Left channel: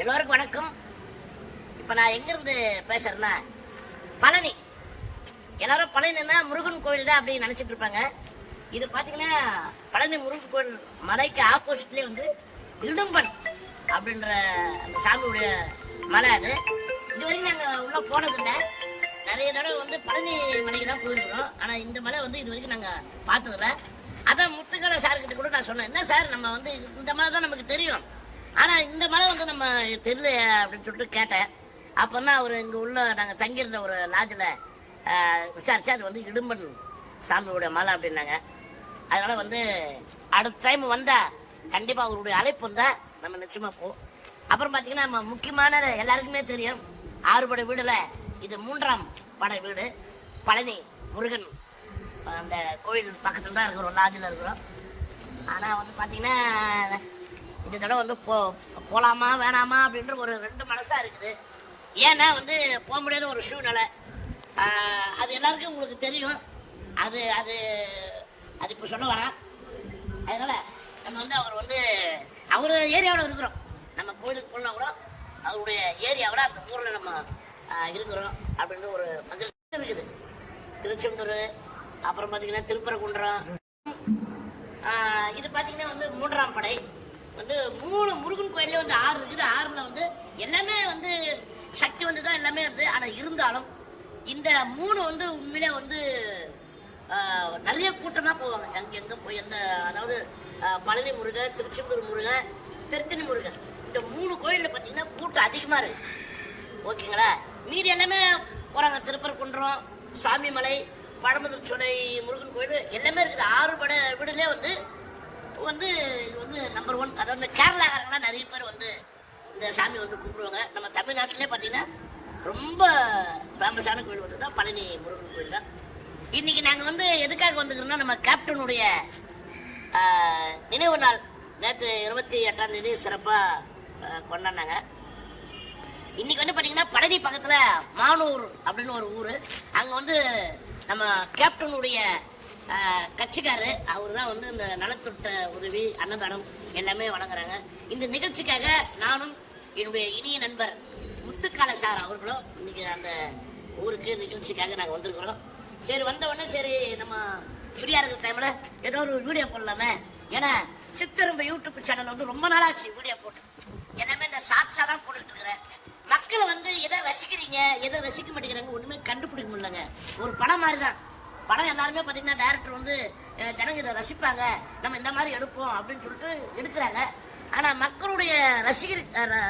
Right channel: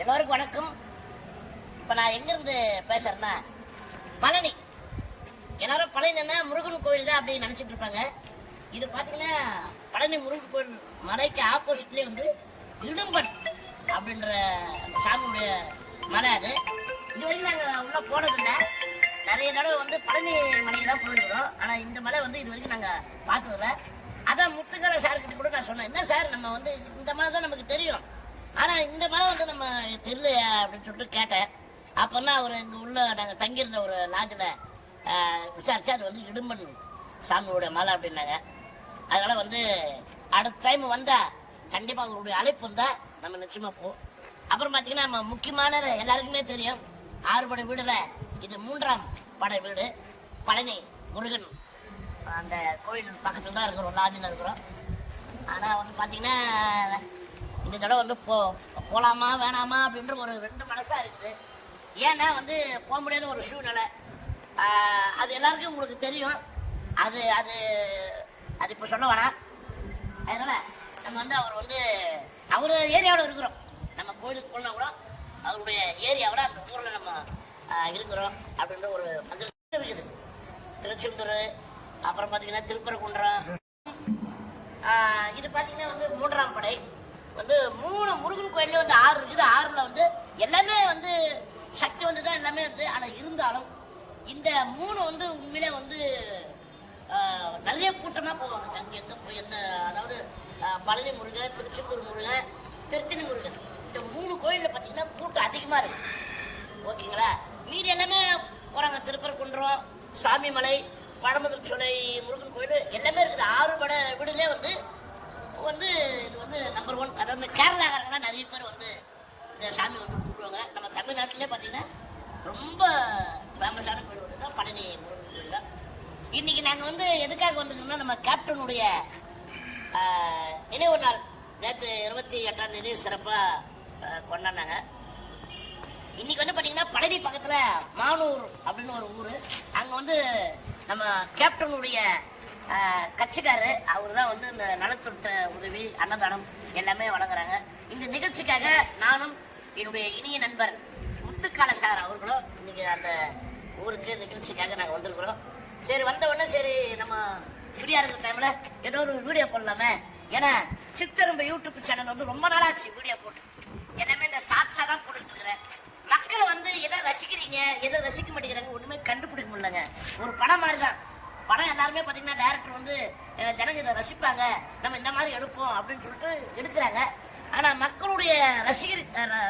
எல்லோருக்கும் வணக்கம். இப்போ நான் எங்கேருந்து பேசுறேன்னா பழனி. எல்லாரும் பழனின்னா முருகன் கோயில் தான் அப்படின்னு நினைச்சிட்டு இருப்பாங்க. இது பார்த்தீங்கன்னா பழனி முருகன் கோயில் மலைக்கு ஆப்போசிட்லேயே வந்து இடும்பன் அப்படின்ற அந்த சாமியுடைய மலை அது. இது வரைக்கும் நாங்கள் உள்ளே போனதில்லை. நிறைய தடவை வந்து பழனி மலைக்கு தான் போயிருக்கிறோம் ஆனால் இந்த மலை வந்து இது வரைக்கும் நாங்கள் பார்த்ததில்ல. அதான் முத்துக்கலை சார்கிட்ட கூட நான் சொன்னேன். என்ன சார் நம்ம வந்து இந்த மலை தான் நமக்கு தெரியும். ஆனால் இந்த மலை வந்து நம்ம தெரியல அப்படின்னு சொல்லிட்டு கேட்டேன். அப்போன்னா அவர் இங்கே உள்ள நாங்கள் தங்கியிருந்த ஒரு லாட்ஜில் விசாரிச்சா அது வந்து இடும்பன் சாமியோட மலை அப்படின்னாங்க. அதனால் வந்து அடுத்த டைம் வந்தா கண்டிப்பாக அவருடைய அழைப்பு வந்தால் நம்ம நிச்சயமாக போவோம். அப்புறம் பார்த்தீங்கன்னா நம்ம முக்கியமான எல்லாருக்குமே தெரியும். ஆறுபடை வீடுல இது மூன்றாம் படை வீடு. பழனி முருகன் அந்த கோயில் பக்கத்தில் தான் இருக்கிறோம் லாட்ஜில் இருக்கிறோம். ஆனால் வந்து பார்த்திங்கன்னா இந்த தடவை வந்து போ போகலாமா வேணாமா அப்படின்ற ஒரு ரெண்டு மனசாக இருக்குது. ஏன்னா வந்து போக முடியாத ஒரு சூழ்நிலை. அது எல்லாருக்கும் உங்களுக்கு தெரியும். அது அது அது இப்போ சொல்ல வேணாம். அதனால் நம்ம வந்து அவர் வந்து அவர் ஏரியாவில் இருக்கிறோம். நம்ம கோயிலுக்கு போனால் கூட அவருடைய ஏரியாவில் அந்த ஊரில் நம்ம இருக்கிறோம் அப்படின்ற ஒரு மகிழ்ச்சி இருக்குது. திருச்செந்தூர் அப்புறம் பார்த்தீங்கன்னா திருப்பரங்குன்றம். இது பார்த்தீங்கன்னா வந்து மூன்றாம் படை. வந்து மூணு முருகன் கோயிலே வந்து ஆறு இருக்குது. ஆறில் வந்து எல்லாமே வந்து சக்தி வந்து தான் எல்லாமே இருக்குது. ஆனால் இருந்தாலும் இந்த மூணு வந்து உண்மையிலே வந்து நிறைய கூட்டமாக போவாங்க. அங்கே எங்கே போய் எந்த அதாவது பழனி முருகன் திருச்செந்தூர் முருகன் திருத்தணி முருகன். இந்த மூணு கோயிலில் பார்த்தீங்கன்னா கூட்டம் அதிகமாக இருக்குது. ஓகேங்களா? மீதி எல்லாமே போகிறாங்க திருப்பரங்குன்றம் சாமிமலை பழமுதிர் சோலை முருகன் கோயில் எல்லாமே இருக்குது. ஆறு பட வீடுலேயே வந்து வந்து இது வந்து நம்பர் ஒன் அதாவது இந்த கேரளாக்காரங்களாம் நிறைய பேர் வந்து இந்த சாமி வந்து கும்பிடுவாங்க. நம்ம தமிழ்நாட்டிலே பார்த்தீங்கன்னா ரொம்ப ஃபேமஸான கோயில் வந்து தான் பழனி முருகன் கோயில் தான். இன்னைக்கு நாங்கள் வந்து எதுக்காக வந்துக்கிறோம்னா நம்ம கேப்டனுடைய நினைவு நாள். நேற்று இருபத்தி எட்டாம் தேதி சிறப்பாக கொண்டாடினாங்க. இன்னைக்கு வந்து பார்த்தீங்கன்னா பழனி பக்கத்தில் மானூர் அப்படின்னு ஒரு ஊர். அங்கே வந்து நம்ம கேப்டனுடைய ஆஹ், அவர் தான் வந்து இந்த நலத்திட்ட உதவி அன்னதானம் எல்லாமே வழங்குறாங்க. இந்த நிகழ்ச்சிக்காக நானும் என்னுடைய இனிய நண்பர் முத்துக்கால சார் அவர்களும் இன்னைக்கு அந்த ஊருக்கு நிகழ்ச்சிக்காக நாங்கள் வந்திருக்கிறோம். சரி வந்த உடனே சரி நம்ம ஃப்ரீயா இருக்கிற டைம்ல ஏதோ ஒரு வீடியோ போடலாமே. ஏன்னா சித்தரும்ப யூடியூப் சேனல் வந்து ரொம்ப நாளாச்சு வீடியோ போட்டு. இந்த ஷார்ட்ஸாக தான் போட்டுட்டு இருக்கிறேன் மக்கள் வந்து எதை ரசிக்கிறீங்க எதை ரசிக்க மாட்டேங்கிறாங்க ஒண்ணுமே கண்டுபிடிக்க முடியலங்க. ஒரு படம் மாதிரி தான் படம் எல்லாருமே பார்த்தீங்கன்னா டேரக்டர் வந்து ஜனங்க இதை ரசிப்பாங்க. நம்ம இந்த மாதிரி எடுப்போம் அப்படின்னு சொல்லிட்டு எடுக்கிறாங்க. ஆனால் மக்களுடைய ரசிகர்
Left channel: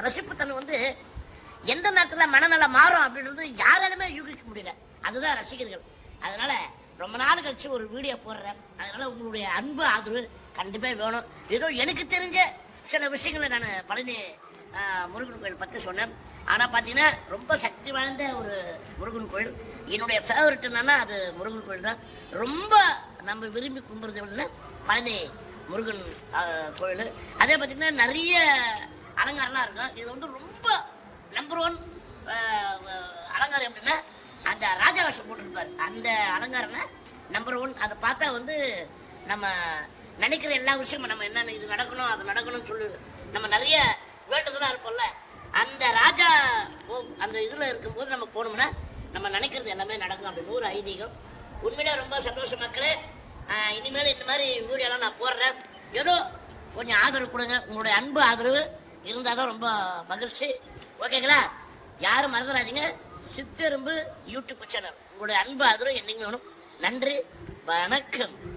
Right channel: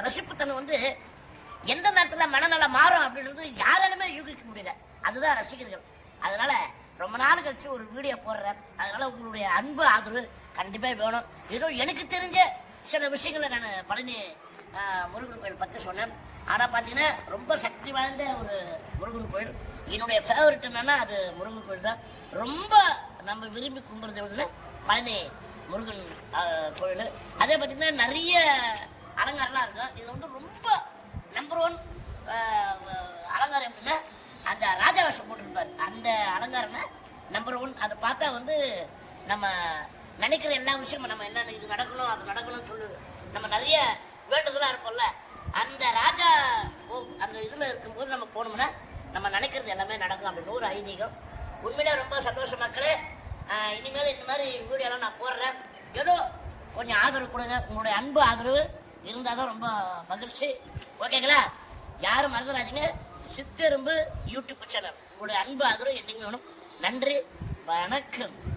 ரசிப்புத்தன் ர- வந்து எந்த நேரத்தில் மனநலம் மாறும் அப்படின்றது யாராலுமே யூகிக்க முடியல. அதுதான் ரசிகர்கள். அதனால ரொம்ப நாள் கழிச்சு ஒரு வீடியோ போடுறேன். அதனால உங்களுடைய அன்பு ஆதரவு கண்டிப்பாக வேணும். ஏதோ எனக்கு தெரிஞ்ச சில விஷயங்களை நான் பழனி முருகன் கோயில் பற்றி சொன்னேன். ஆனால் பார்த்தீங்கன்னா ரொம்ப சக்தி வாய்ந்த ஒரு முருகன் கோயில். என்னுடைய ஃபேவரட் என்னன்னா அது முருகன் கோயில் தான். ரொம்ப நம்ம விரும்பி கும்பிடுறது எப்படின்னா பழனி முருகன் கோயில். அதே பார்த்தீங்கன்னா நிறைய அலங்காரம்லாம் இருக்கும். இது வந்து ரொம்ப நம்பர் ஒன் அலங்காரம் எப்படின்னா அந்த ராஜா வேஷம் போட்டிருப்பார். அந்த அலங்காரம்னா நம்பர் ஒன் அதை பார்த்தா வந்து நம்ம நினைக்கிற எல்லா விஷயமும் நம்ம என்ன இது நடக்கணும் அது நடக்கணும்னு சொல்லு. நம்ம நிறைய வேண்டுதலாக இருப்போம்ல. அந்த ராஜா போ அந்த இதில் இருக்கும்போது நம்ம போனோம்னா நம்ம நினைக்கிறது எல்லாமே நடக்கும். அப்படின்னு ஒரு ஐதீகம். உண்மையிலே ரொம்ப சந்தோஷம் மக்களே. இனிமேல் இந்த மாதிரி வீடியோலாம் நான் போடுறேன். ஏதோ கொஞ்சம் ஆதரவு கொடுங்க. உங்களுடைய அன்பு ஆதரவு இருந்தால் தான் ரொம்ப மகிழ்ச்சி. ஓகேங்களா? யாரும் மறந்துடாதீங்க. Chitterumbu YouTube channel. உங்களுடைய அன்பு ஆதரவு என்னைக்குமே வேணும். நன்றி. வணக்கம்.